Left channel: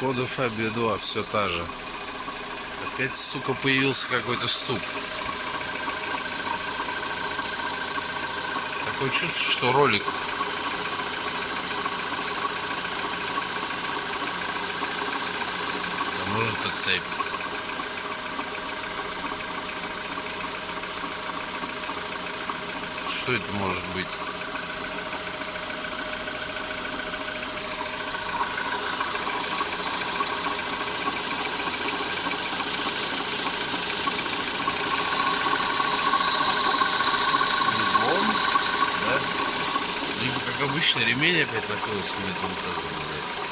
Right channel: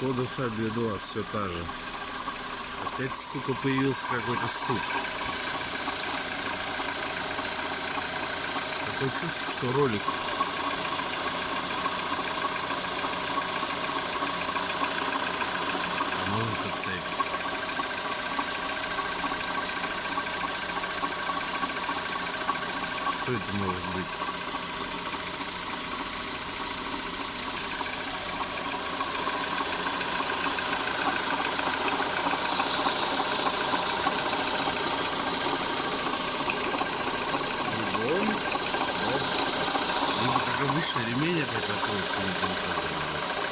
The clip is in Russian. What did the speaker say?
Кода Фабия 2, все та же. Опять, сука, появился какой-то стук. Такое чувство, что ролик может это цепь. Что это может быть? Либо, как обычно, ремень опять накрылся на этом тазу.